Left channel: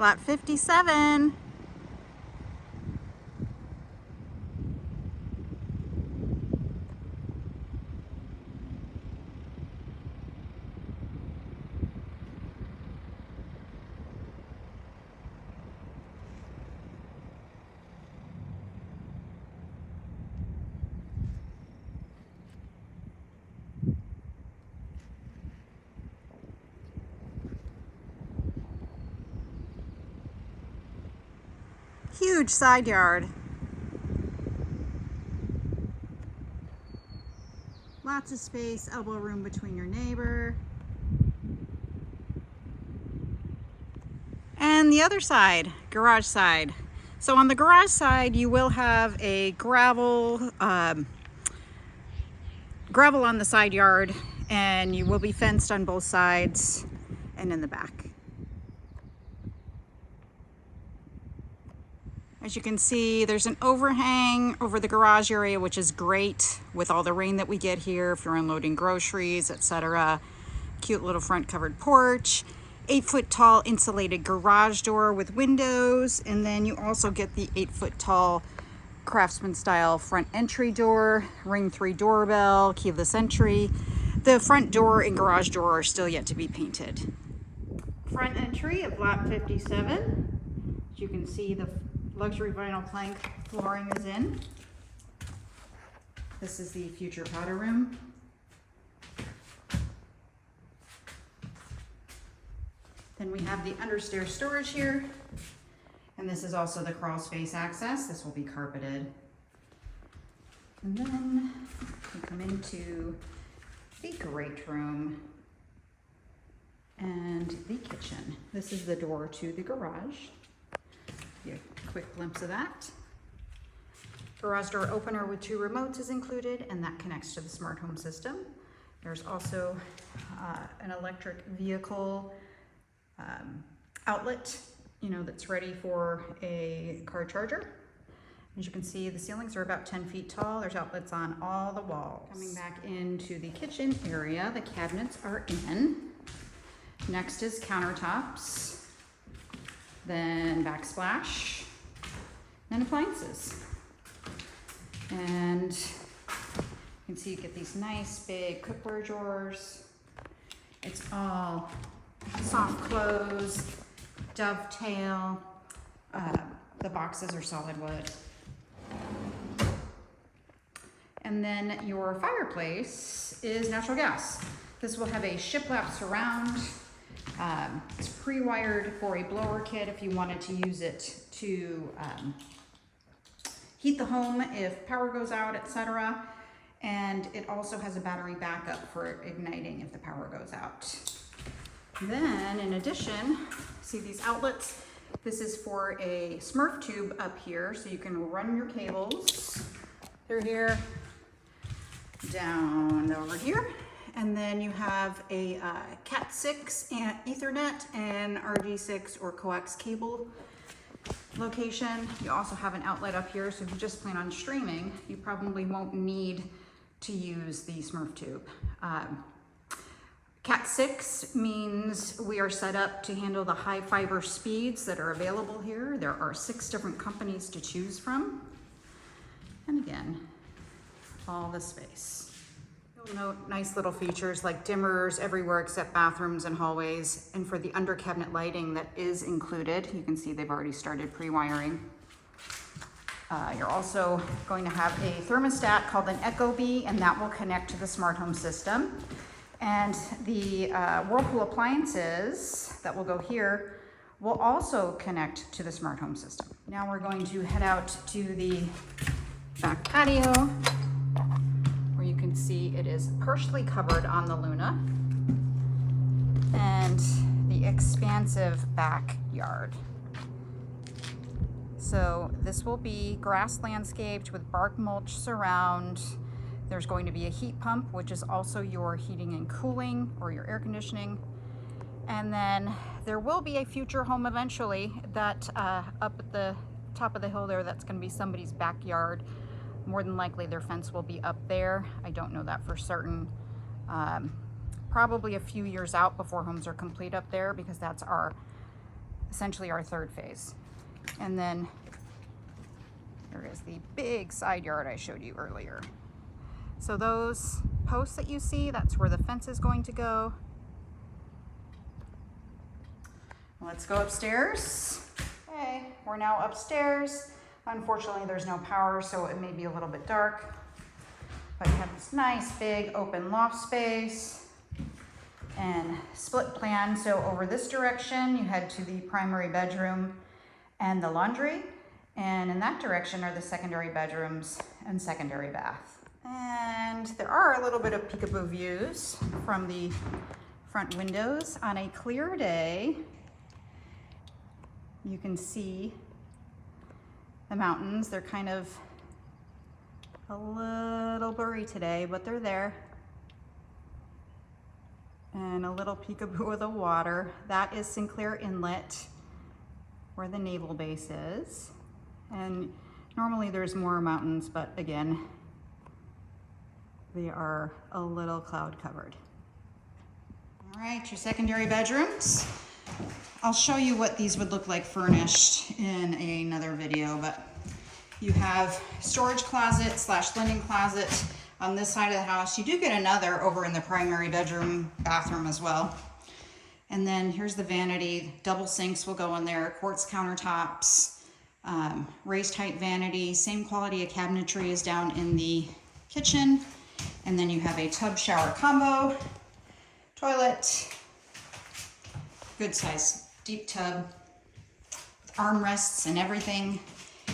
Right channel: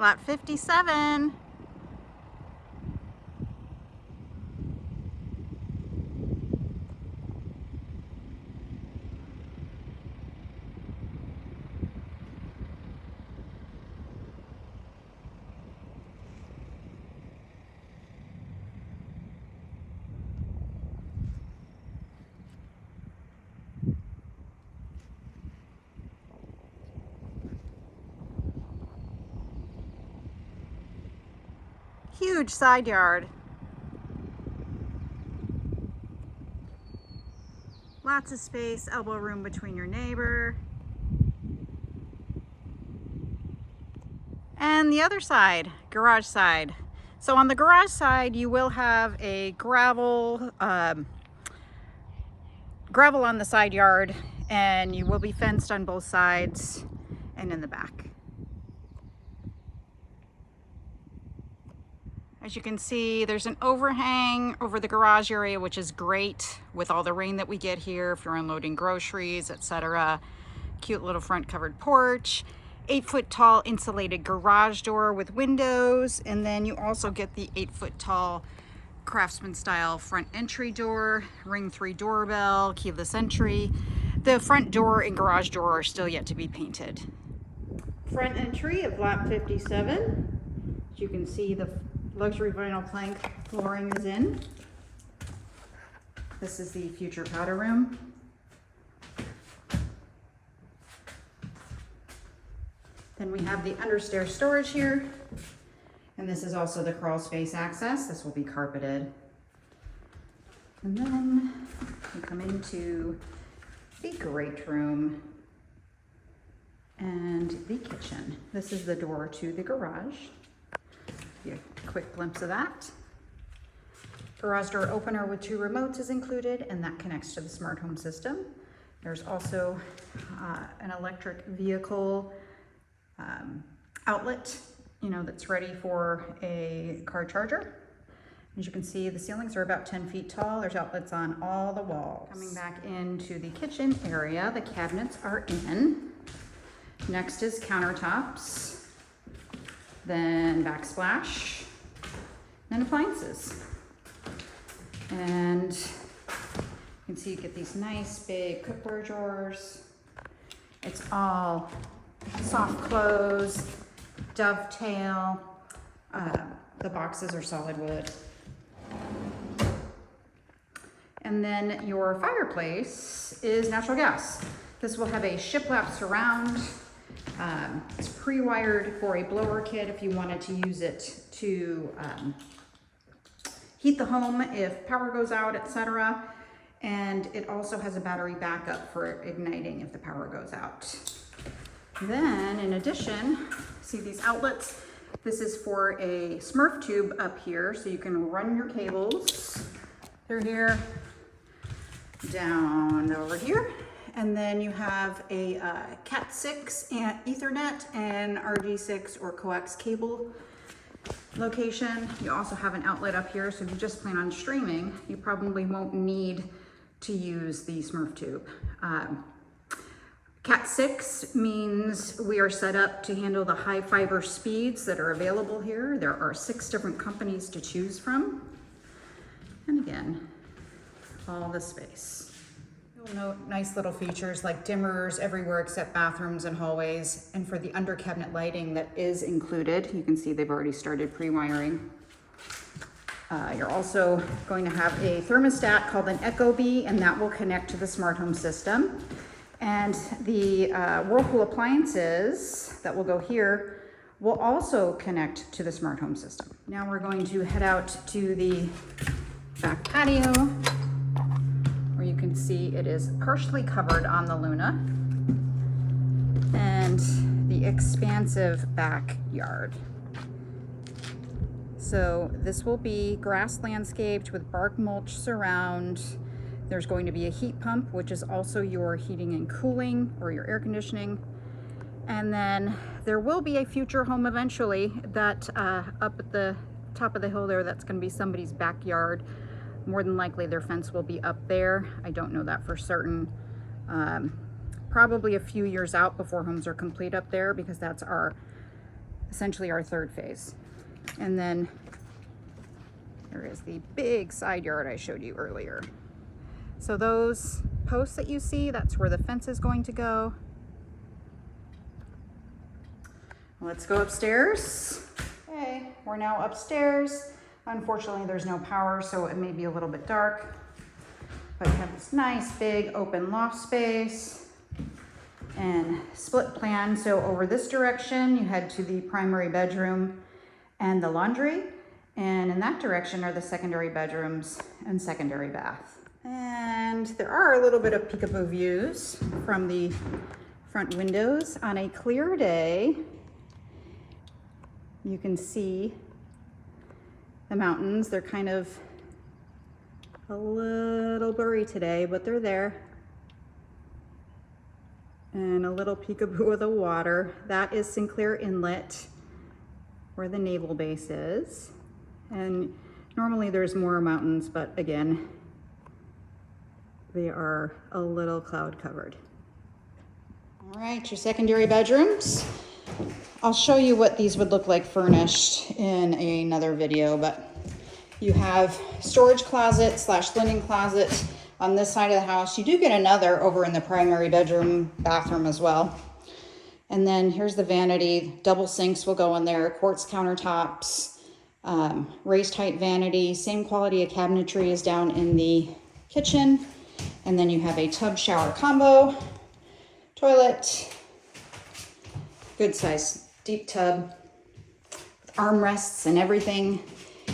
Lot 57. Huge side yard. Lots of space, elbow room between your neighbor. And the other side, garage side. So on the garage side, you will have a gravel on the side yard, and you will be fenced on both sides and in the back. As you can see, there's an overhang over the garage area, which is great with all the rain that we get here if you're unloading groceries, etc. Cute little front covered porch, 8-foot tall insulated garage door with windows, and then you also get the 8-foot tall craftsman style front entry door, ring 3 doorbell, keyless entry. The front door and garage door are still yet to be painted. Front entry of lot 57. As you can see, the luxury vinyl plank flooring is in. This is the future powder room. Then we have the understair storage here. And this is also the crawl space access. This will be carpeted. And then we come into the great room and the kitchen. This is the door to the garage. Give you a quick glimpse of that. Garage door opener with 2 remotes is included, and that connects to the smart home system. There's also an electric vehicle outlet, that's ready for a car charger. As you can see, the ceilings are about 10 feet tall. There's outlets on all the walls. Coming back into the kitchen area, the cabinets are in. Next is countertops. Then backsplash, and appliances. And you can see you get these nice big cookware drawers. It's all soft close, dovetail. The boxes are solid wood. And then your fireplace is natural gas. This will have a shiplap surround. It's pre-wired for a blower kit if you wanted to use it to heat the home if power goes out, etc. And it also has a battery backup for igniting if the power goes out. Then, in addition, see these outlets? This is for a Smurf tube up here, so you can run your cables through here, down over here. And then you have a Cat 6 and Ethernet and RG6 or coax cable location. You also have an outlet up here, so if you just plan on streaming, you probably won't need to use the Smurf tube. Cat 6 means we are set up to handle the high fiber speeds that are available here. There are 6 different companies to choose from. And again, all the space. You'll note nice little features like dimmers everywhere except bathrooms and hallways. And for the under cabinet lighting that is included, you can see they've already started pre-wiring. You're also going to have a thermostat called an Ecobee, and that will connect to the smart home system. And the Whirlpool appliances that will go here will also connect to the smart home system. Now we're going to head out to the back patio, where you can see it is partially covered on the Luna, and the expansive backyard. So this will be grass landscaped with bark mulch surround. There's going to be a heat pump, which is also your heating and cooling or your air conditioning. And then there will be a future home eventually that up at the top of the hill there, that's going to be somebody's backyard. More than likely their fence will be up there. I don't know that for certain. Probably a few years out before homes are complete up there, because that's our essentially our third phase. And then there is the big side yard I showed you earlier. So those posts that you see, that's where the fence is going to go. Let's go upstairs. Okay, we're now upstairs. Unfortunately, there's no power, so it may be a little bit dark. But you have this nice big open loft space and split plan. So over this direction, you head to the primary bedroom and the laundry. And in that direction are the secondary bedrooms and secondary bath. And there are a little bit of peekaboo views from the front windows. On a clear day, you can see the mountains. They're kind of a little blurry today, but they're there. And a little peekaboo of the water. That is Sinclair Inlet, where the naval base is. And normally there's more mountains, but again, they are a little cloud covered. All right, your secondary bedrooms. I'll show you what these would look like furnished in another video, but you have storage closet / linen closet on this side of the house. You do get another over in the primary bedroom bathroom as well. And then here's the vanity. Double sinks will go in there, quartz countertops, raised height vanity. Same quality of cabinetry is down in the kitchen. And then you have a tub shower combo, toilet, good size deep tub, armrests and everything.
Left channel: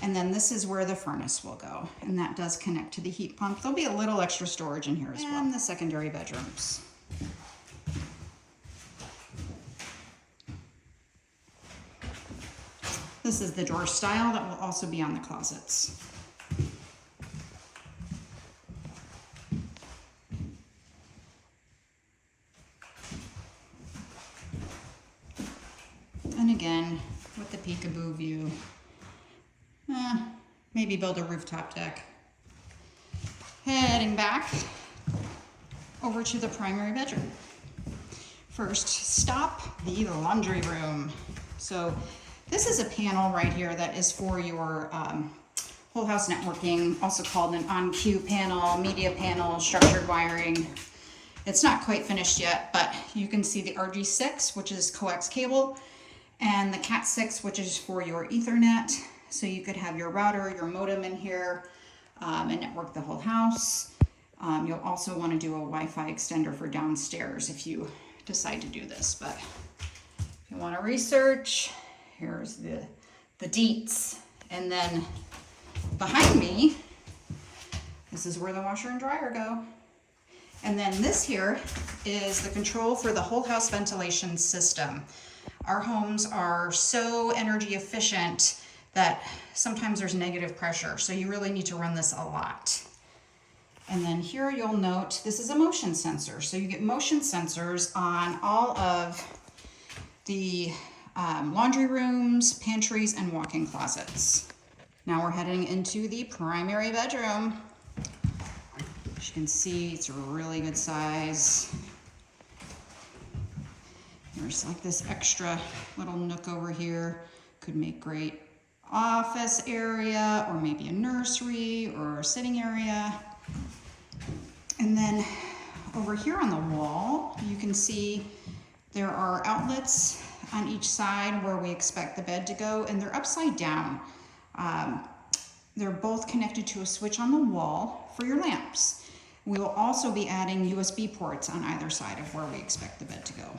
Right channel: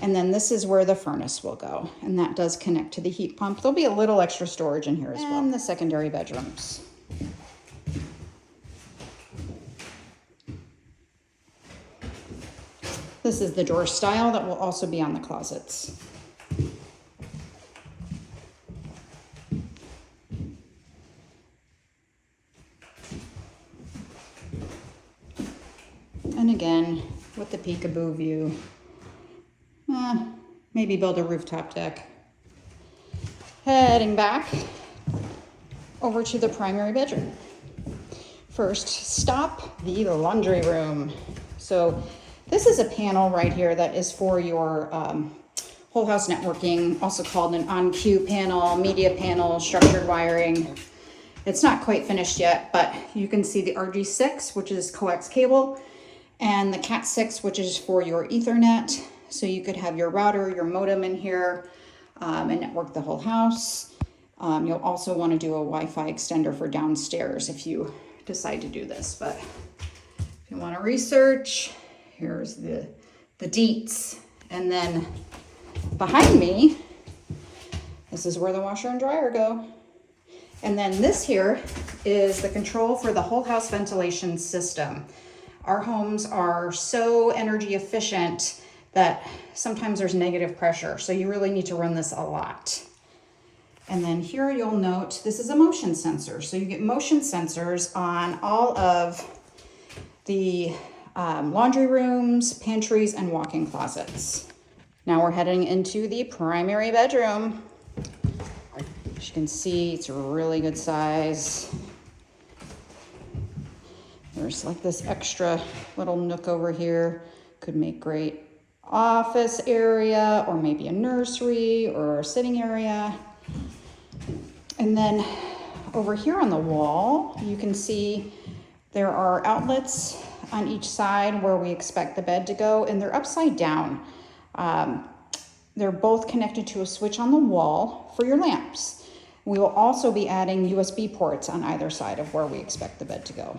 And then this is where the furnace will go. And that does connect to the heat pump. There'll be a little extra storage in here as well. And the secondary bedrooms. This is the drawer style that will also be on the closets. And again, with the peekaboo view, maybe build a rooftop deck. Heading back over to the primary bedroom. First stop, the laundry room. So this is a panel right here that is for your whole house networking, also called an on-cue panel, media panel, structured wiring. It's not quite finished yet, but you can see the RG6, which is coax cable, and the Cat6, which is for your Ethernet. So you could have your router, your modem in here, and network the whole house. You'll also want to do a Wi-Fi extender for downstairs if you decide to do this. But if you want to research, here's the deets. And then behind me, this is where the washer and dryer go. And then this here is the control for the whole house ventilation system. Our homes are so energy efficient that sometimes there's negative pressure. So you really need to run this a lot. And then here you'll note, this is a motion sensor. So you get motion sensors on all of the laundry rooms, pantries, and walk-in closets. Now we're heading into the primary bedroom. As you can see, it's a really good size. There's like this extra little nook over here. Could make great office area, or maybe a nursery or a sitting area. And then over here on the wall, you can see there are outlets on each side where we expect the bed to go, and they're upside down. They're both connected to a switch on the wall for your lamps. We will also be adding USB ports on either side of where we expect the bed to go.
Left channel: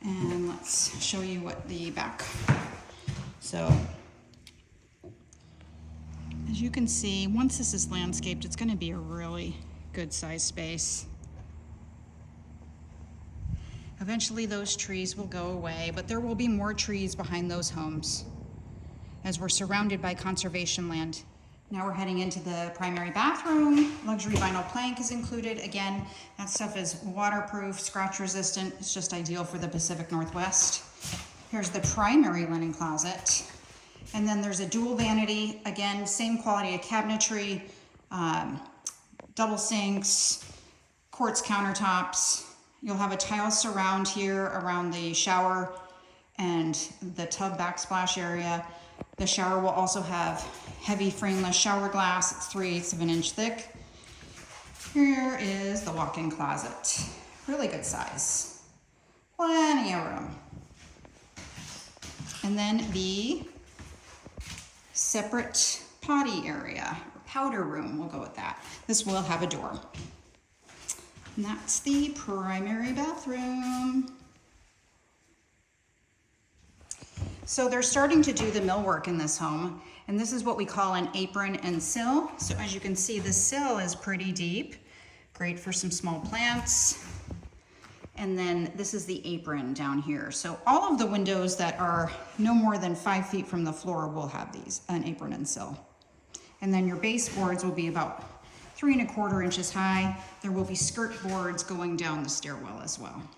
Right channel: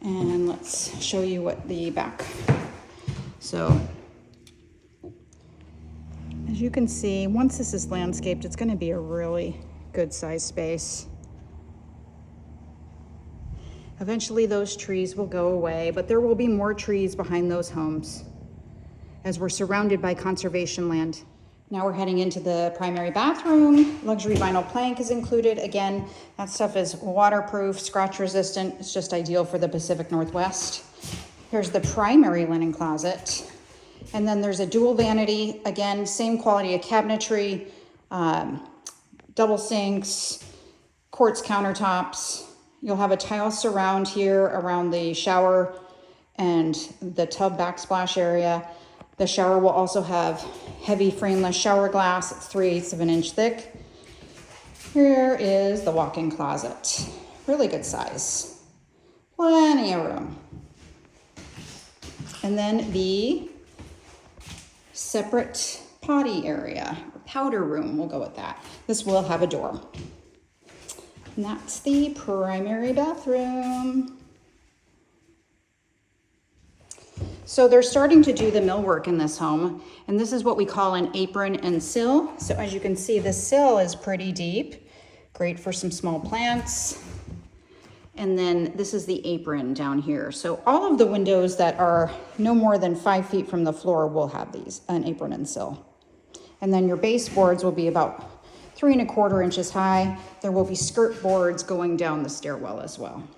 And let's show you what the back. So as you can see, once this is landscaped, it's going to be a really good size space. Eventually those trees will go away, but there will be more trees behind those homes as we're surrounded by conservation land. Now we're heading into the primary bathroom. Luxury vinyl plank is included. Again, that stuff is waterproof, scratch resistant. It's just ideal for the Pacific Northwest. Here's the primary linen closet. And then there's a dual vanity. Again, same quality of cabinetry, double sinks, quartz countertops. You'll have a tile surround here around the shower and the tub backsplash area. The shower will also have heavy frameless shower glass. It's 3/8 of an inch thick. Here is the walk-in closet. Really good size. Plenty of room. And then the separate potty area, powder room, we'll go with that. This will have a door. And that's the primary bathroom. So they're starting to do the millwork in this home, and this is what we call an apron and sill. So as you can see, the sill is pretty deep, great for some small plants. And then this is the apron down here. So all of the windows that are no more than 5 feet from the floor will have these, an apron and sill. And then your baseboards will be about 3¼ inches high. There will be skirt boards going down the stairwell as well.